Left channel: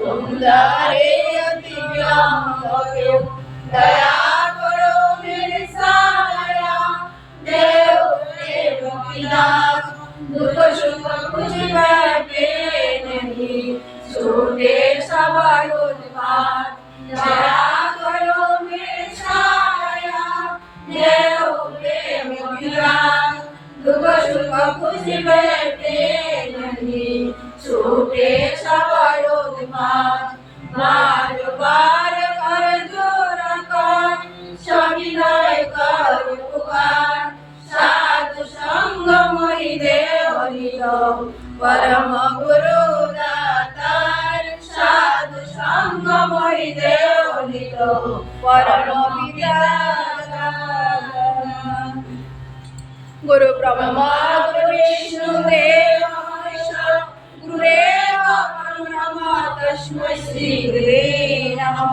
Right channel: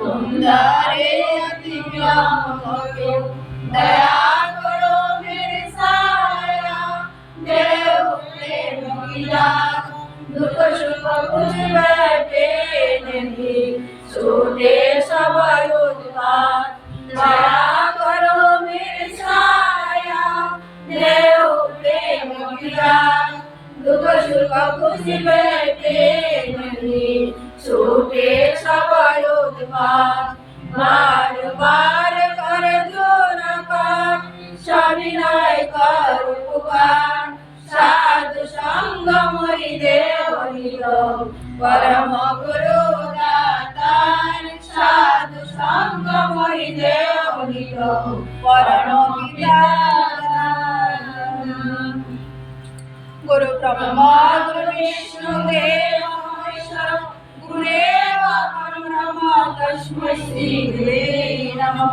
तुम्हारे अतिक्रम क्यों दया करो मेरे साया देव प्रेम की नाथ दुख सुख कुछ बैठे नहीं छूटे सबर उत्पात दया करो मेरे साया देव प्रेम की नाथ दुख सुख कुछ बैठे नहीं छूटे सबर उत्पात बार बार कर जोर कर सविनय कर पुकार साधु संग मोहि देव परम गुरु दातार साधु संग मोहि देव परम विद्यादाता गुरु ब्रह्मा गुरु विष्णु देव महेश्वर गुरुदेव परब्रह्म तस्मै श्री गुरुवे नमः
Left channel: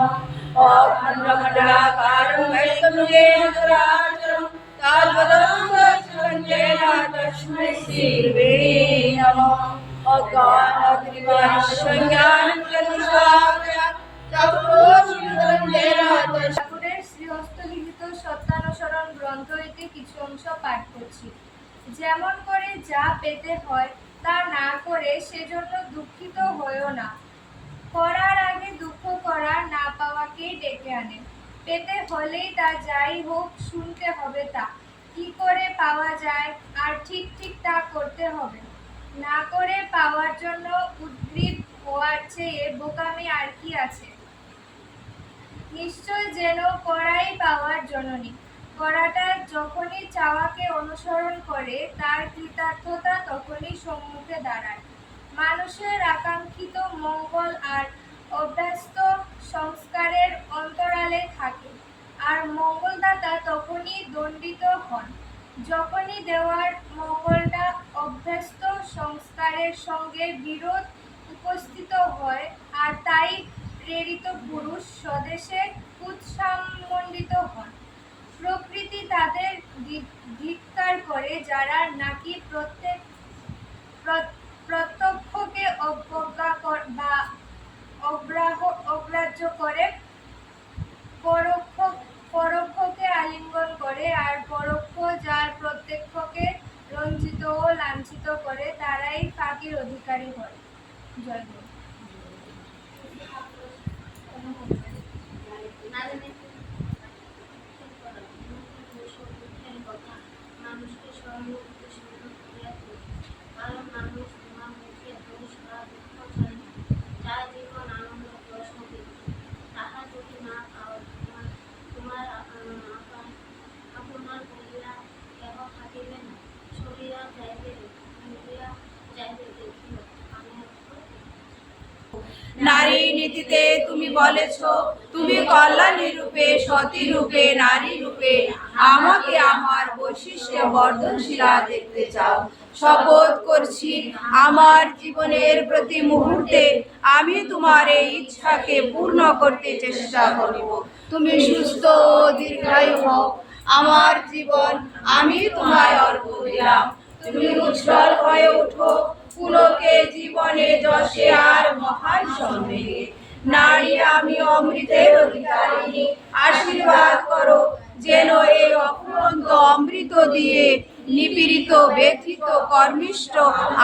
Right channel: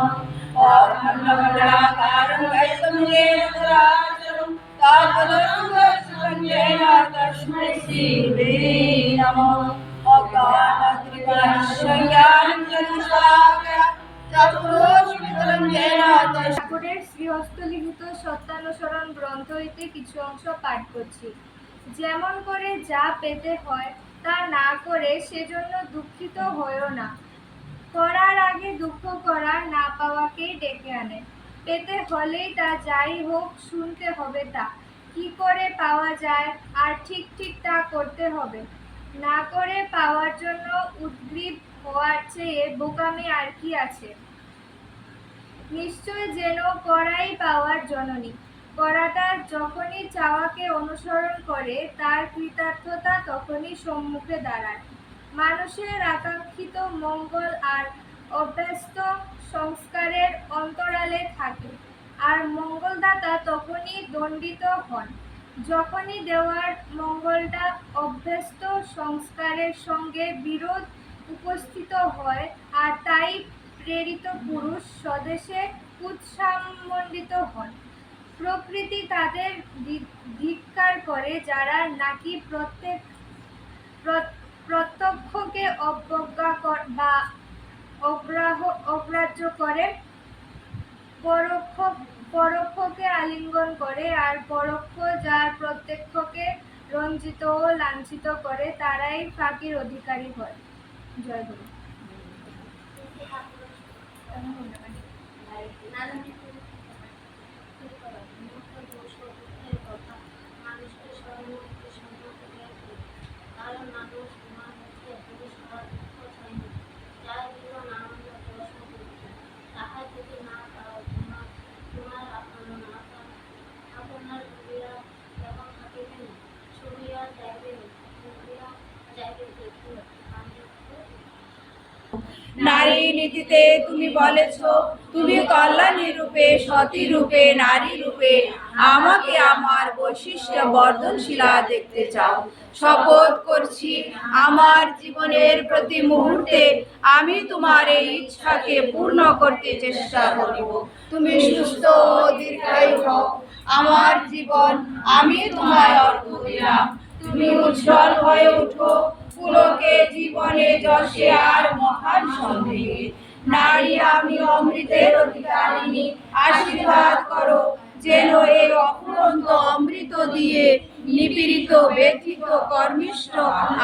अखण्डमण्डलाकारं व्याप्तं येन चराचरं तत्पदं दर्शनं तस्मै श्री गुरुवे नमः अज्ञानत्रिविनाशं ज्ञानञ्जनशलाकया चक्षुरुन्मिलितं येन ঠাকুরের শ্রীহস্তলিখিত সত্যানুসরণ গ্রন্থ হইতে কিছু অংশ পাঠ করছি। যেমন করে যা পেতে হয় তা না করে সেজন্য দুঃখিত হইও না। করার আগে দুঃখ করা না পাওয়াকেই ডেকে আনে। পেতে হলেই তা যাই হোক শুনতে হবে তা কি করে পাওয়া যায় আর ঠিক ঠিক তা করতে হবে। না করে পাওয়ার জন্য উদ্গ্রীব হওয়ার চেয়ে বোকামি আর কি আছে। নিশ্চয় যেন করাই পাওয়ার জননী। করাটা যখনই চাওয়াকে অনুসরণ করে তার কৃতার্থতা তখনই সম্মুখে দাঁড়ায়। মানুষের আকাঙ্ক্ষিত মঙ্গল আর অভ্যস্ত সংস্কারের অন্তরালে থাকে, আর মঙ্গলদাতা তখনই দণ্ডিত হন যখনই দেওয়ার মঙ্গলটা অভ্যস্ত সংস্কারের সঙ্গে বিরোধ উপস্থিত হয়, আর তাই প্রেরিত পুরুষ স্বদেশে কুৎসামণ্ডিত হন। প্রকৃতি তাদের ধিক্কার করে যারা নাকি প্রত্যক্ষকে অবজ্ঞা বা অগ্রাহ্য করে, পরোক্ষকে আলিঙ্গন করে, আর পরোক্ষ যার প্রত্যক্ষকে রঞ্জিত ও লাঞ্ছিত করে তারাই ফাঁকির অধিকারী হয়। জয় গুরু। মানুষকে স্মরণমুক্তি সম্ভব করিয়া তুলি, কারণ মানুষ তোমার হইতে এত সারা দুঃখ চাই না, চাই জীবন আনন্দ প্রশ্ন দিচ্ছে। তাহা যদি না পাও তোমার আপনার বলিরা কেহ থাকিবে না, ছবিরা যাইবে ইন্দ্রিয়া যাইবে দেখিও আমি নারী নীতিতে তুমি বলেছ তুমি কল্যাণী রূপে সতী রূপে নারী রূপে আমাকে আমার বৈশিষ্ট্য বর্ধনশীলা দেখতে চাও। শপথ করছি আমার জীবনের প্রতি মুহূর্তে আমি তোমার এই ইচ্ছাকে পূর্ণ করতে চেষ্টা করিব। তুমি সুস্থ ও দীর্ঘায়ু হও। আমার জীবন আমি তোমায় অর্পণ দিলাম। তুমি উজ্জ্বল হয়ে ওঠো পুলকে জীবনে যশে আর মহান সন্দেহে। নারী আমি অমৃতের অধিকারিণী, আশীর্বাদ করো যেন এই অফুরন্ত অমৃত দিয়ে নিপীড়িত ব্যথিত কর্মিষ্ঠ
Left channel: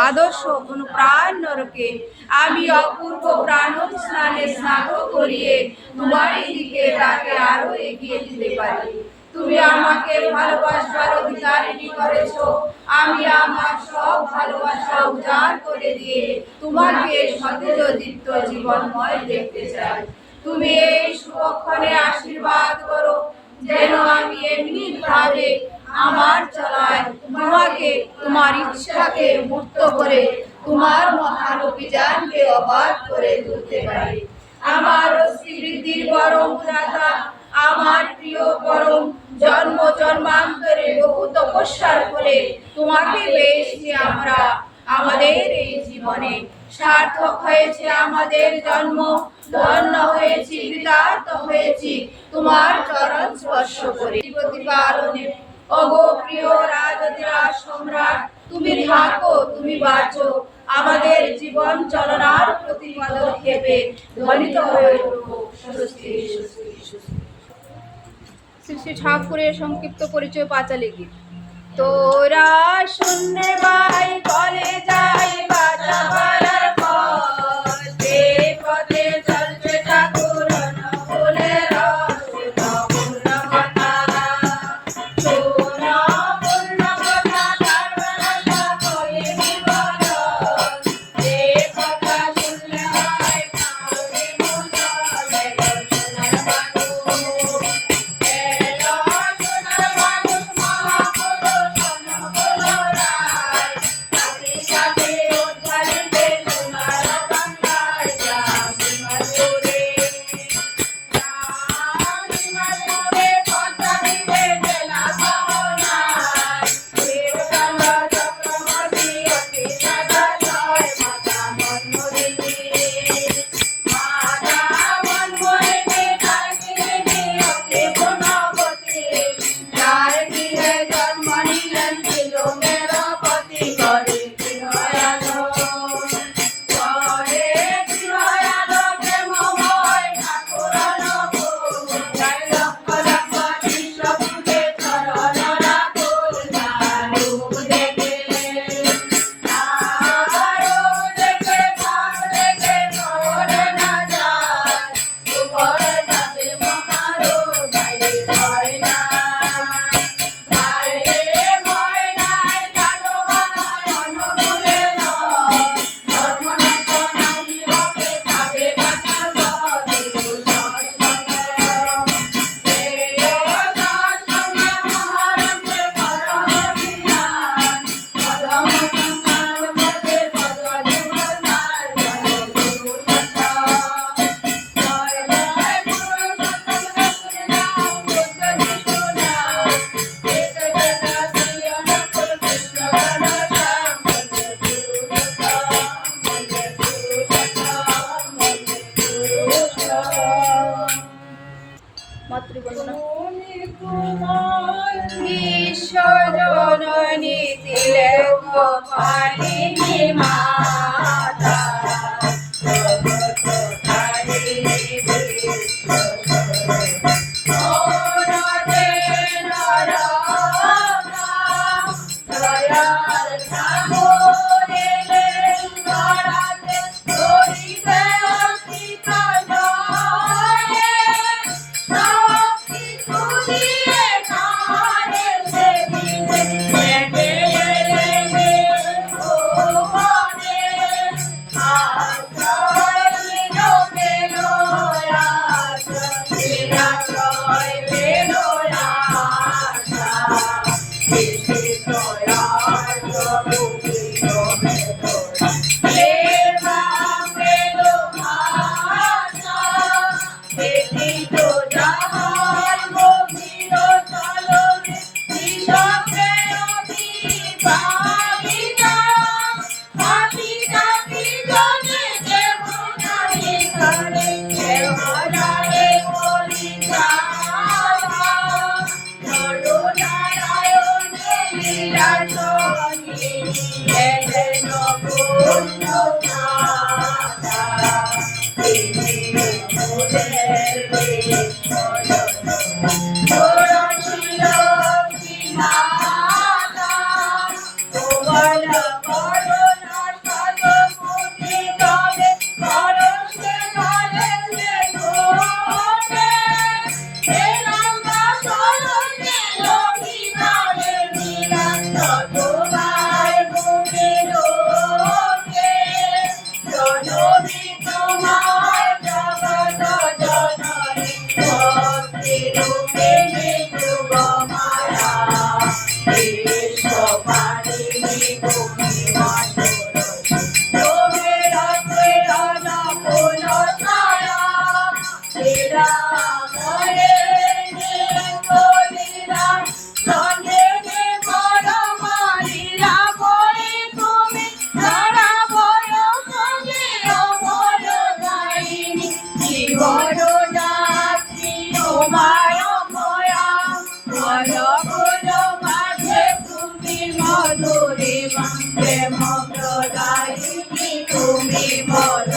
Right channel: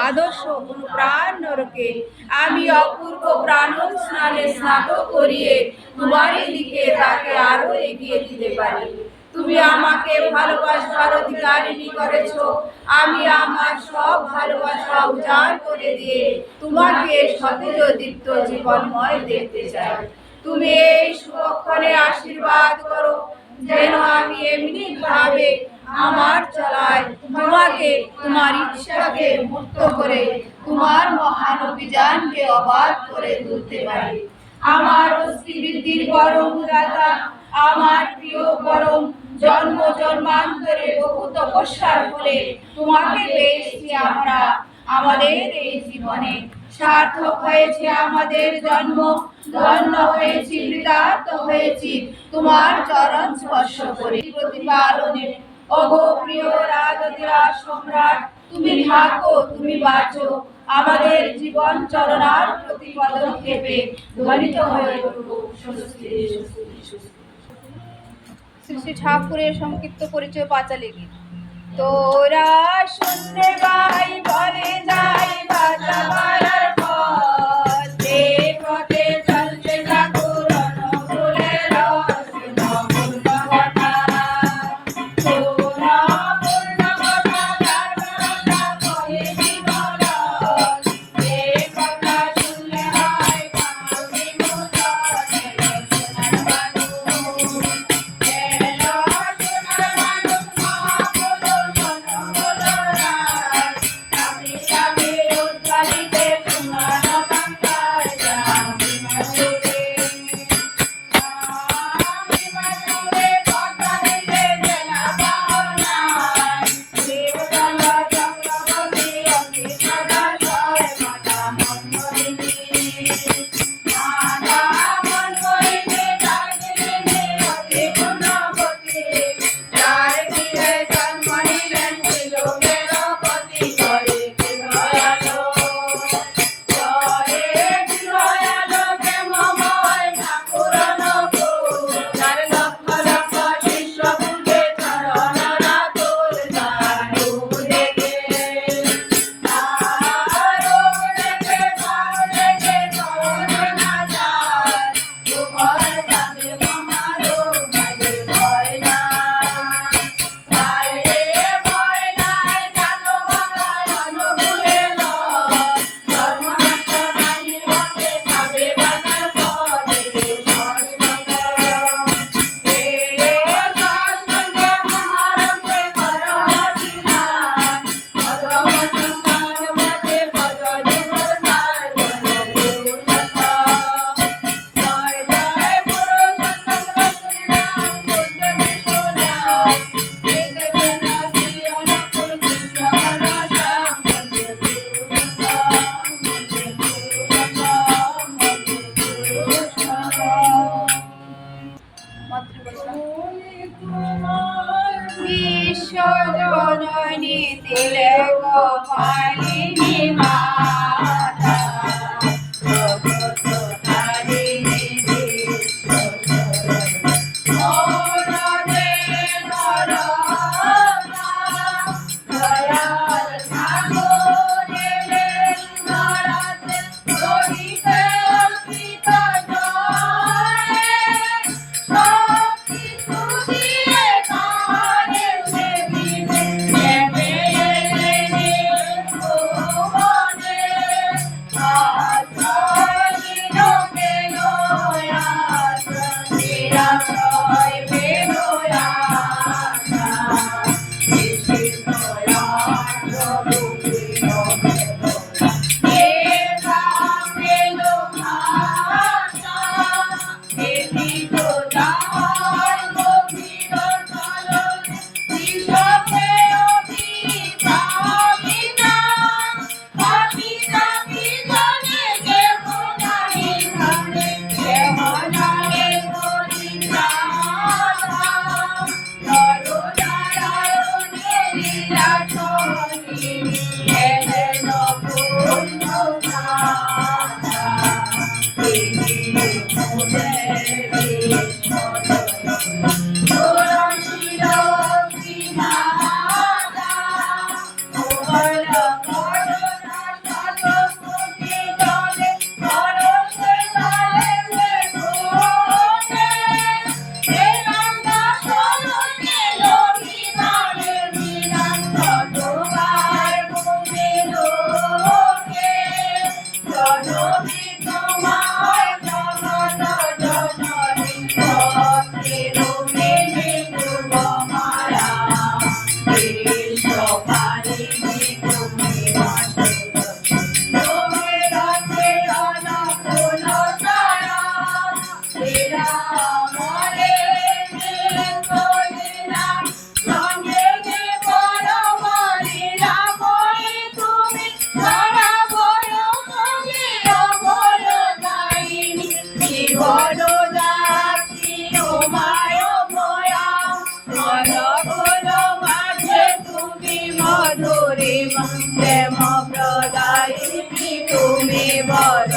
আদর্শ কোন প্রাণ নরকে আমি অপূর্ব প্রাণন স্নানে স্নাত করিয়ে তোমারই দিকে তাকে আরো এগিয়ে দিতে পারি। তুমি আমাকে ভালোবাসার অধিকারিণী করেছ, আমি আমার সব ভালোবাসা উজাড় করে দিয়ে তোমাকে সতেজ দীপ্ত জীবনময় দেখতে চাই। তুমি এই শুভক্ষণে আশীর্বাদ করো যেন আমি এমনি ভাবে আমার চলায় তোমাকে তোমার ইচ্ছাকে মুক্ত করে তোমার মহান অভিযানকে অবাধ করে তুলতে পারি। আমার অস্থিবৃদ্ধির পরম দাতা, আমার প্রিয় পরম, জন্ম জন্মান্তরে বহু তপস্যার ফলে তোমাকে পেয়েছি আমরা। আমাদের এই জীবনে সার্থক হয়েছে আমাদের জন্ম, ধন্য হয়েছি, কৃতার্থ হয়েছি তোমার চরণ স্পর্শ করে প্রতিপালনে। ওগো প্রিয় রাজধিরাজ সম্রাট, তুমি থাকো, তুমি বাঁচো, আমাদের জীবন জীবন চলনার প্রতি পদক্ষেপে ধ্বনিত হয়ে উঠুক স্বস্তি স্বস্তি স্বস্তি। শ্রী শ্রী ঠাকুরের সংক্ষিপ্ত পরিচয় পাঁচালী গীত। তোরা শুনলে ভাই বলে যাই বাঁচাবার পথ, যে পথে চলছে ঠাকুর অনুকূলের পূর্ণ কথা, পূর্ণ কথা তার বেলা করে জীবন, যে কথা শুনলে হয় কাউরি মুচলে সোনার মানুষ, এলো সোনার মানুষ মহাপুরুষ অনুকূলরায়, চাকরি চাকরি উদ্ধারিতে সোনার বাংলায় যাবি মাধুরে, যাবি মাধুরে কথা দিতে জেলা পাওনায়, শিবচন্দ্র চক্রবর্তী অতি সাদা জয় মাতা মনমোহিনী, মাতা মনমোহিনী দার্জিলিংয়ে অতি গুণবতী, যার গৃহে জন্ম নিলেন ত্রিলোকের পতি, করে দয়ালো, করে দয়ালো প্রেমময় ঠাকুর অনুকূল, যার লক্ষ লক্ষ শিষ্য পূজে চরণ রাখুল, তার রূপ দেখে, তার রূপ দেখে ভাব দেখে চরণ না যায়, উপর থাকে মহারূপ বাইরে ভয় নাই, বাইরে ভয় নাই, জানো বাবার অনুকূলে নয়, ধর্মনষ্ট নাই হতে যাবে বাঁচার পথ, এই সৎসঙ্গ, এই সৎসঙ্গ মহারূপে কর অভিমান, পদম সংগ্রামকে পদ যুগল নাই, জয় গুরু সত্তা, জয় জয় গুরু সত্তা রসুল নাম বুদ্ধ যিশু নাম, বেদ বেদান্তি অনুকূল কৃষ্ণ ঘনশ্যাম, বন্দে গুরু সত্তা, বন্দে গুরু সত্তা, বন্দে গুরু সত্তা। মাতৃবন্দনা। বিশ্বজননী তিলকপালিনী মাতা, জগৎকারিণী বিশ্বজননী, অরদে নরমা, দয়াল ঠাকুর এলেন ধরাতে, ধরিতে অর্পিত জয়, সবকিছু দিয়ে তারে সেদিনে নেমে এলেন ভুবনে, আশ্রয় পেল আশ্রয় পেল আশা, দয়ার প্রভু পেল ভাষা, দেখিত যার গভীর চলনে কৃষকে অভিভাবিতা, পাখিটা কি জনে কেহ নাই ঘরে, কেহ জানে পরিচারা, নরনারায়ণ লীলা সঙ্গিনী এলেন পূর্ণ মাতা, তিনি মোদের বিশ্বজননী, ষোড়শী মাতা, প্রবল করুণা শতকোটি জলে, পরশে ঢালে ঘোষে, হে রামা সরসে লোহিতালে নিরান, ততবার ভূমি লোকে, জননী তোমার জগৎ জননী, ভক্তি রূপিণী যুগমায়া, বিশ্বপালিনী তুমি মাতৃ, তুমি রাত্রে অনুকূল ছায়া, শ্রীরামরে লীলা, সঙ্গে পরমালীলা করে তুমি ধরা বড় সঙ্গে অবর দায়িনী, জীবন যাত্রী তোমায় ময়া, অনুকূল মাঝে তুমি মধুরিমা, প্রেম প্রদায়িনী তুমি তুমি বলো